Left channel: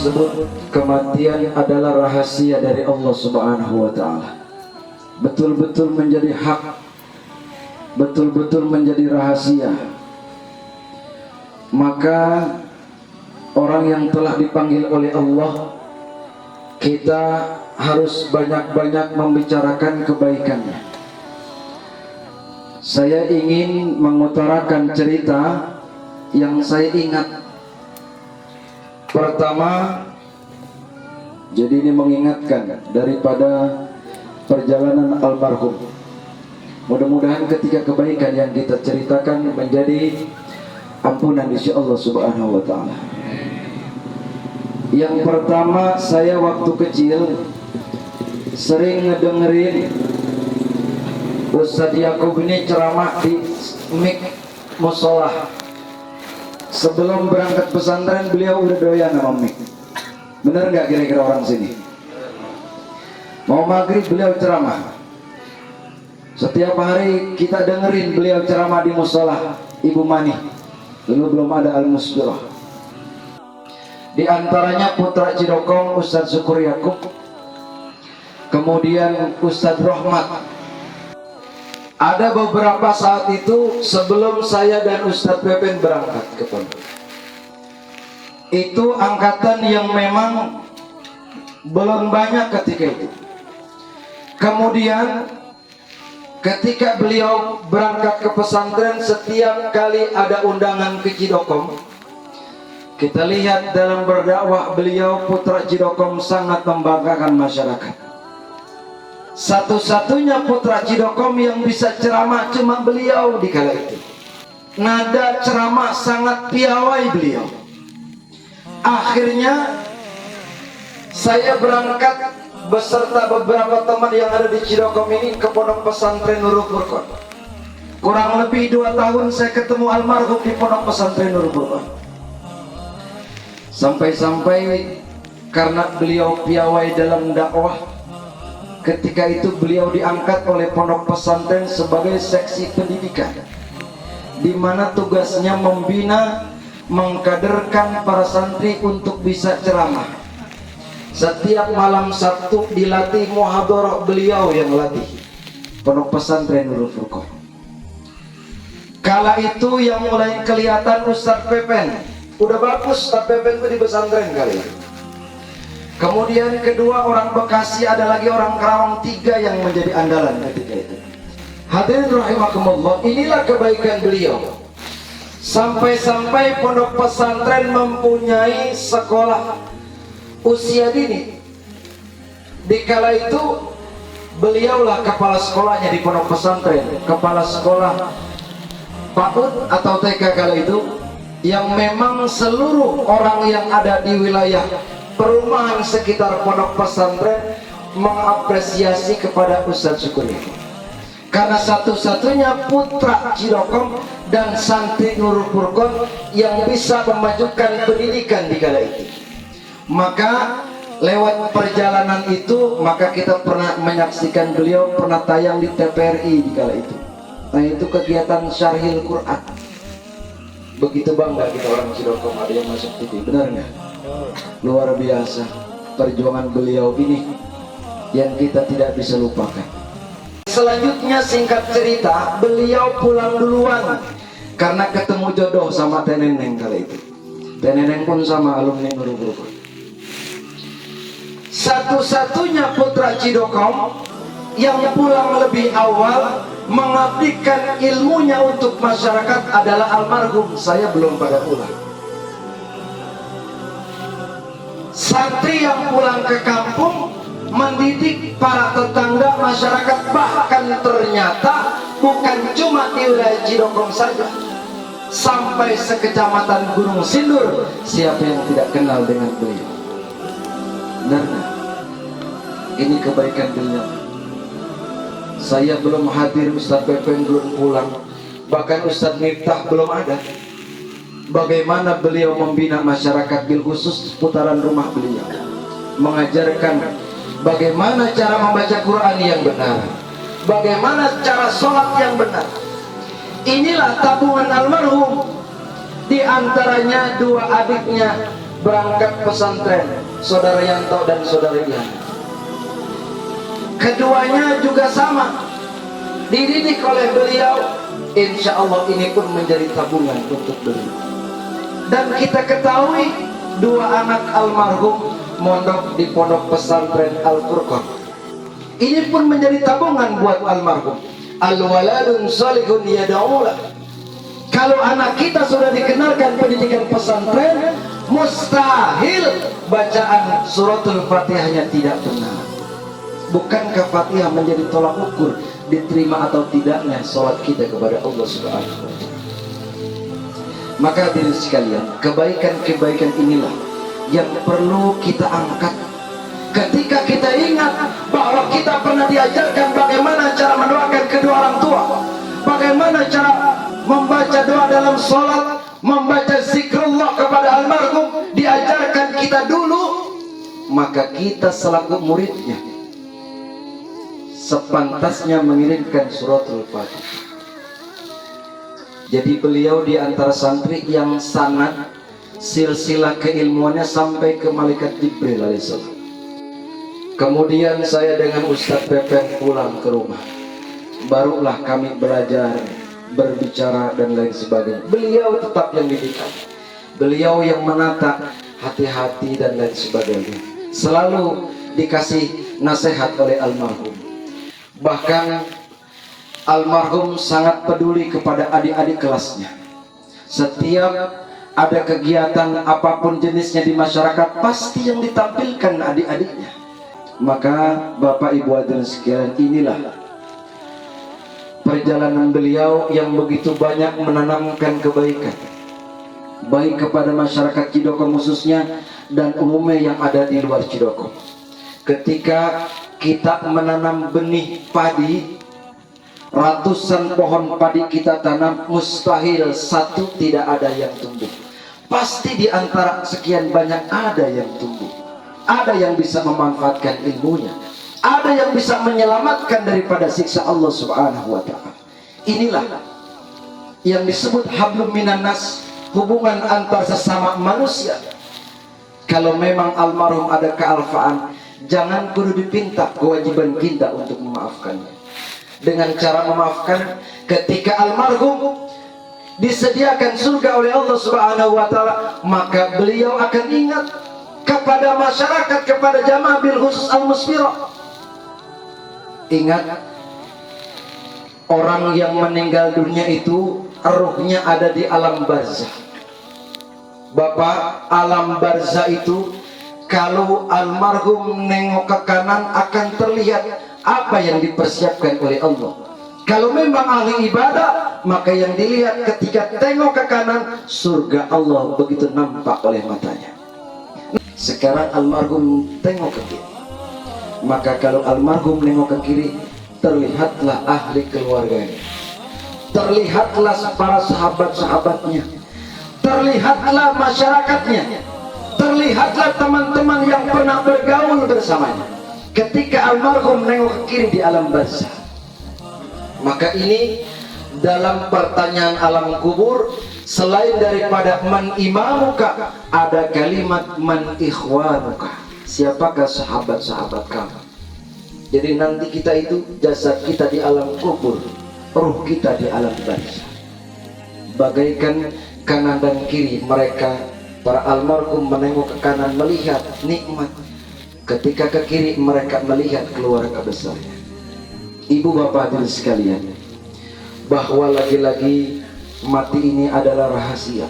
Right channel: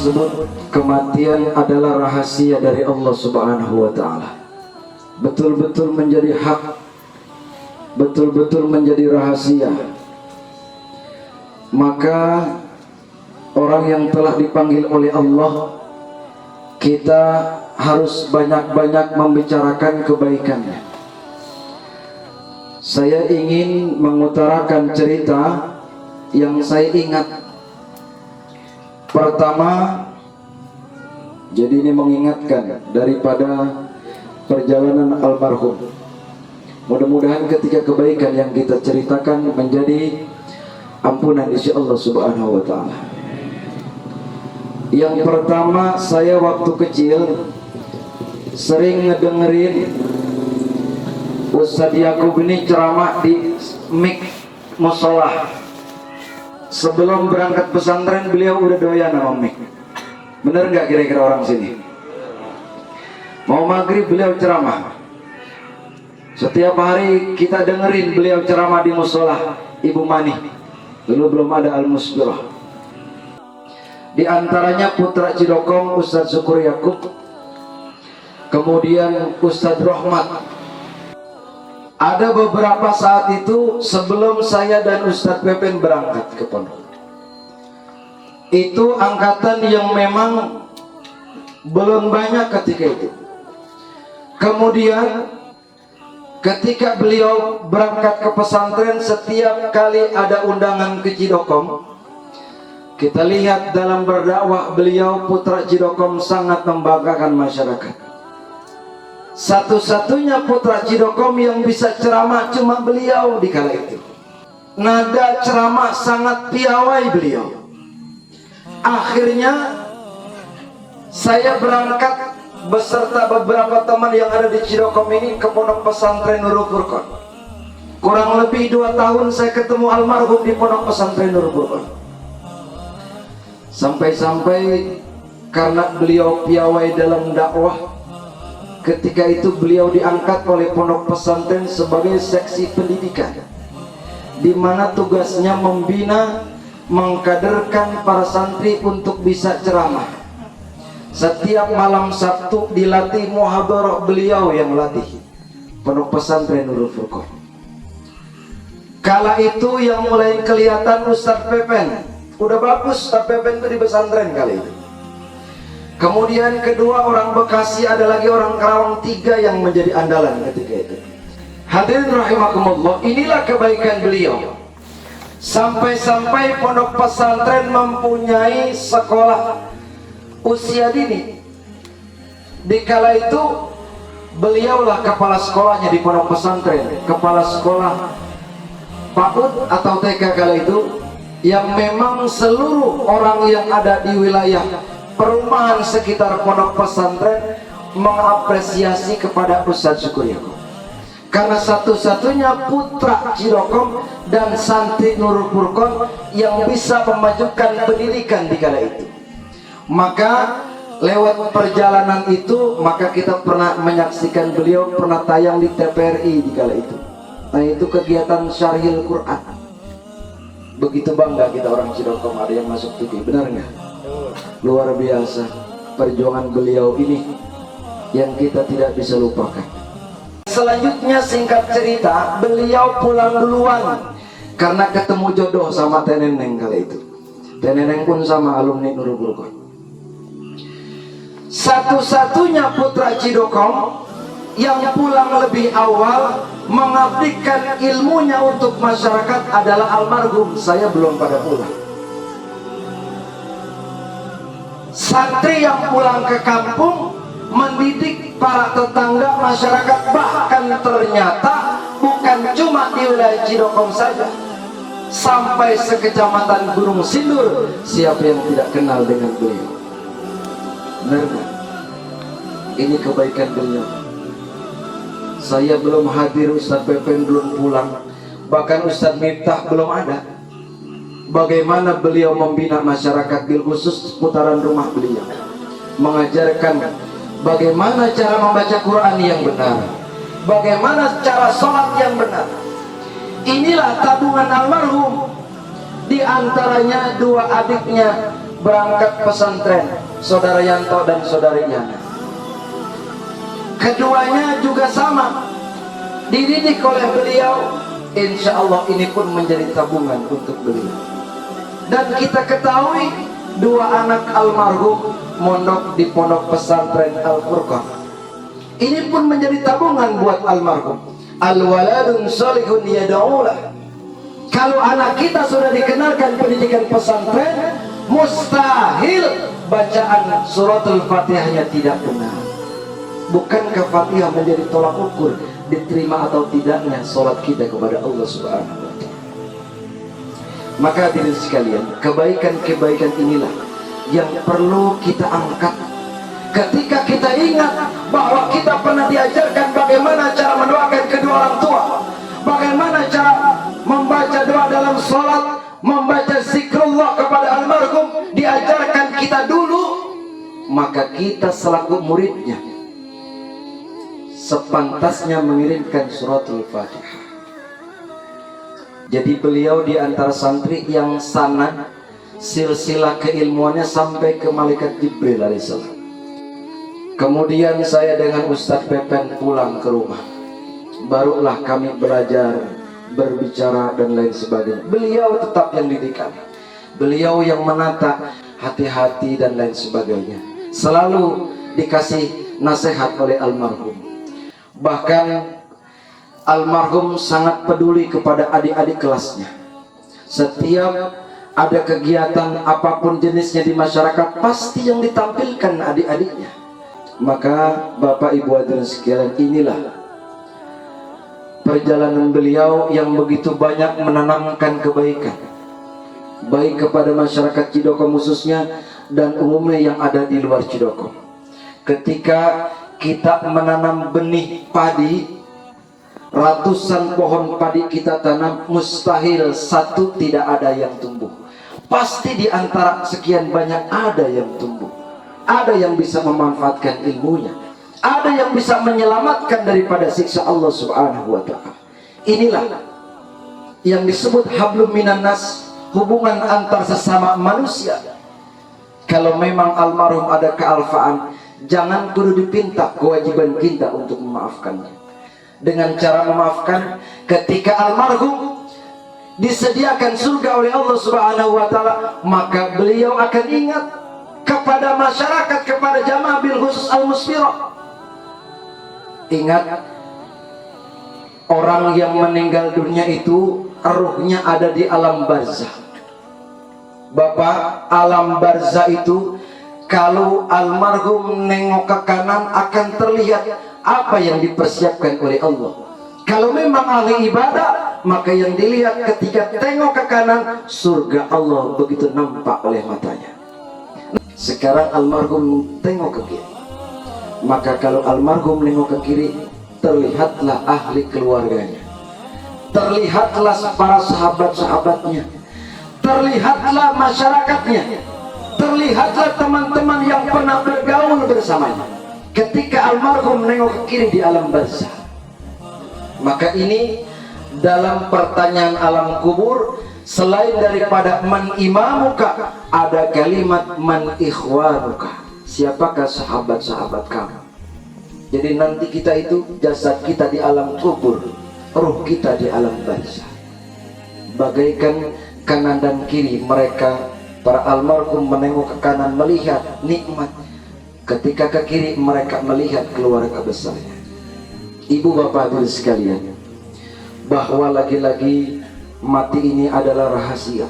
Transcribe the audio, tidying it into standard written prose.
disebut kematian adalah rahasia dari Allah Subhanahu wa Ta'ala, betul-betul menjadi hak, betul-betul menjadi rahasia. Maka orang yang telah dipanggil oleh Allah, kita harus banyak-banyak membicarakan kebaikannya. Saya ingin mengutarakan cerita yang saya ingat. Pertama, jadi ini mengingatkan daripada perjalanan almarhum. Mudah-mudahan ketika kebaikan yang kita ceritakan menjadi ampunan insya Allah Subhanahu wa Ta'ala. Yang pertama, saya waktu kecil sering ngedengerin Ustadz Yakub ini ceramah di mik musola. Sebelum berangkat pesantren beliau udah doyan sama mik. Bener nggak kira-kira orang sini? Mau maghrib beliau ceramah. Setiap hari kita dengerin beliau ceramah di musola Ibu Mani. Dulu belum ada Al-Musbirah. Di antaranya putra Cidokong Ustadz Syukur Yakub, kemudian Ustadz Rahmat. Ada beberapa saat itu sebelum saya dan Ustadz Pepen berangkat ke pondok. Itu angkatan yang memang belum banyak ketika itu. Kemudian ketika beliau berangkat ke pesantren, setiap kali ada undangan ke Cidokong, kita lihat dalam berdakwah beliau putra Cidokong sangat membanggakan masyarakat. Satu-satunya putra Cidokong yang bisa ceramah cuma beliau di kala itu. Nada ceramah sangat piawai beliau. Akhirnya saya berangkat beserta beberapa teman yang ada di Cidokong ini ke pondok pesantren Nurul Furqan. Kurang lebih 2 tahun saya ketemu almarhum di pondok pesantren Nurul Furqan. Sampai-sampai karena beliau piawai dalam dakwah, ketika itu beliau diangkat oleh pondok pesantren sebagai seksi pendidikan, di mana tugasnya membina, mengkaderkan para santri untuk bisa ceramah. Setiap malam Sabtu dilatih muhadharah, beliau yang latih pondok pesantren Nurul Furqan. Kala itu yang mulai kelihatan Ustadz Pepen. Udah bagus Ustadz Pepen itu di pesantren kali ini. Kemudian kedua orang Bekasi, ada lagi orang Karawang, 3 yang menjadi andalan ketika itu. Hadirin rahimakumullah, inilah kebaikan beliau. Sampai-sampai pondok pesantren mempunyai sekolah usia dini. Di kala itu beliaulah kepala sekolahnya di pondok pesantren, kepala sekolah PAUD atau TK kala itu, yang memang seluruh orang yang ada di wilayah perumahan sekitar pondok pesantren mengapresiasi kepada Ustadz Syukur Yakub, karena satu-satunya putra Cidokong dan santri Nurul Furqan yang bisa memajukan pendidikan di kala itu. Maka lewat perjalanan itu, maka kita pernah menyaksikan beliau pernah tayang di TVRI di kala itu. Nah, itu kegiatan Syarhil Quran. Begitu bangga kita orang Cidokong ada yang masuk TV, benar nggak? Luar biasa perjuangan beliau ini yang kita tidak bisa lupakan. Selanjutnya singkat cerita, beliau pulang duluan karena ketemu jodoh sama Teneneng kali itu. Teneneng pun sama alumni Nurul Furqan. Satu-satunya putra Cidokong yang pulang lebih awal mengabdikan ilmunya untuk masyarakat adalah almarhum. Saya belum pada pulang. Santri yang pulang ke kampung mendidik para tetangga masyarakat, bahkan ternyata bukan cuma di wilayah Cidokong saja, sampai sekecamatan Gunung Sindur. Siapa yang tidak kenal dengan beliau? Benar gak? Ini kebaikan beliau. Saya belum hadir, Ustadz Pepen belum pulang, bahkan Ustadz Miftah belum ada. Bagaimana beliau membina masyarakat, bil khusus putaran rumah beliau, mengajarkan bagaimana cara membaca Quran yang benar, bagaimana cara sholat yang benar. Inilah tabungan almarhum. Di antaranya 2 adiknya berangkat pesantren, saudara Yanto dan saudara Yana. Keduanya juga sama, dididik oleh beliau. Insya Allah ini pun menjadi tabungan untuk beliau. Dan kita ketahui dua anak almarhum mondok di pondok pesantren Al-Furqan. Ini pun menjadi tabungan buat almarhum. Al-waladun salihun yad'ulah. Kalau anak kita sudah dikenalkan pendidikan pesantren, mustahil bacaan suratul Fatihahnya tidak benar. Bukankah Fatihah menjadi tolak ukur diterima atau tidaknya sholat kita kepada Allah Subhanahu wa Ta'ala? Maka hadirin sekalian, kebaikan-kebaikan inilah yang perlu kita angkat. Ketika kita ingat bahwa kita pernah diajarkan bagaimana cara mendoakan kedua orang tua, bagaimana cara membaca doa dalam sholat, membaca zikrullah kepada almarhum, diajarkan kita dulu, maka kita selaku muridnya sepantasnya mengirimkan suratul Fatihah. Jadi beliau di antara santri yang sanad silsilah keilmuannya sampai ke malaikat Jibril alaihissalam. Kemudian saya dengan Ustadz Pepen pulang ke rumah, barulah kami belajar berbicara dan lain sebagainya. Beliau tetap yang didikan, beliau yang menata hati-hati dan lain sebagainya. Selalu dikasih nasihat oleh almarhum. Bahkan almarhum sangat peduli kepada adik-adik kelasnya. Setiap ada kegiatan apapun jenisnya di masyarakat, pasti yang ditampilkan adik-adiknya. Maka Bapak Ibu hadirin sekalian, inilah perjalanan beliau yang begitu banyak menanamkan kebaikan, baik kepada masyarakat Cidoko khususnya dan umumnya yang ada di luar Cidoko. Ketika kita menanam benih padi, ratusan pohon padi kita tanam, mustahil satu tidak ada yang tumbuh. Pasti di antara sekian banyak ada yang tumbuh, ada yang bisa memanfaatkan ilmunya, ada yang bisa menyelamatkan daripada siksa Allah Subhanahu wa Ta'ala. Inilah yang disebut hablum minan nas, hubungan antar sesama manusia. Kalau memang almarhum ada kealfaan, jangan kudu dipinta, kewajiban kita untuk memaafkannya. Dengan cara memaafkan, ketika almarhum disediakan surga oleh Allah Subhanahu wa Ta'ala, maka beliau akan ingat kepada masyarakat, kepada jamaah bil khusus al-musfirah. Ingat, orang yang meninggal dunia itu ruhnya ada di alam barzah. Bapak, alam barzah itu kalau almarhum nengok ke kanan akan terlihat apa yang dipersiapkan oleh Allah. Kalau memang ahli ibadah, maka yang dilihat ketika tengok ke kanan, surga Allah begitu nampak oleh matanya. Sekarang almarhum tengok ke kiri, maka kalau almarhum nengok ke kiri, terlihatlah ahli keluarganya, terlihatlah para sahabat-sahabatnya, terlihatlah masyarakatnya, terlihatlah teman-teman yang pernah bergaul bersamanya. Ketika almarhum nengok ke kiri di alam barzah, maka ini dalam pertanyaan alam kubur, selain daripada man imamuka, ada kalimat man ikhwanuka, siapakah sahabat-sahabat kamu. Jadi nanti kita itu, jasad kita di alam kubur, ruh kita di alam barzah. Bagaikan kanan dan kiri mereka, para almarhum menengok ke kanan melihat nikmat, ketika ke kiri mereka melihat keluarga besarnya. Ibu bapak hadirin sekalian, bahwa lagi-lagi mati ini adalah rahasia.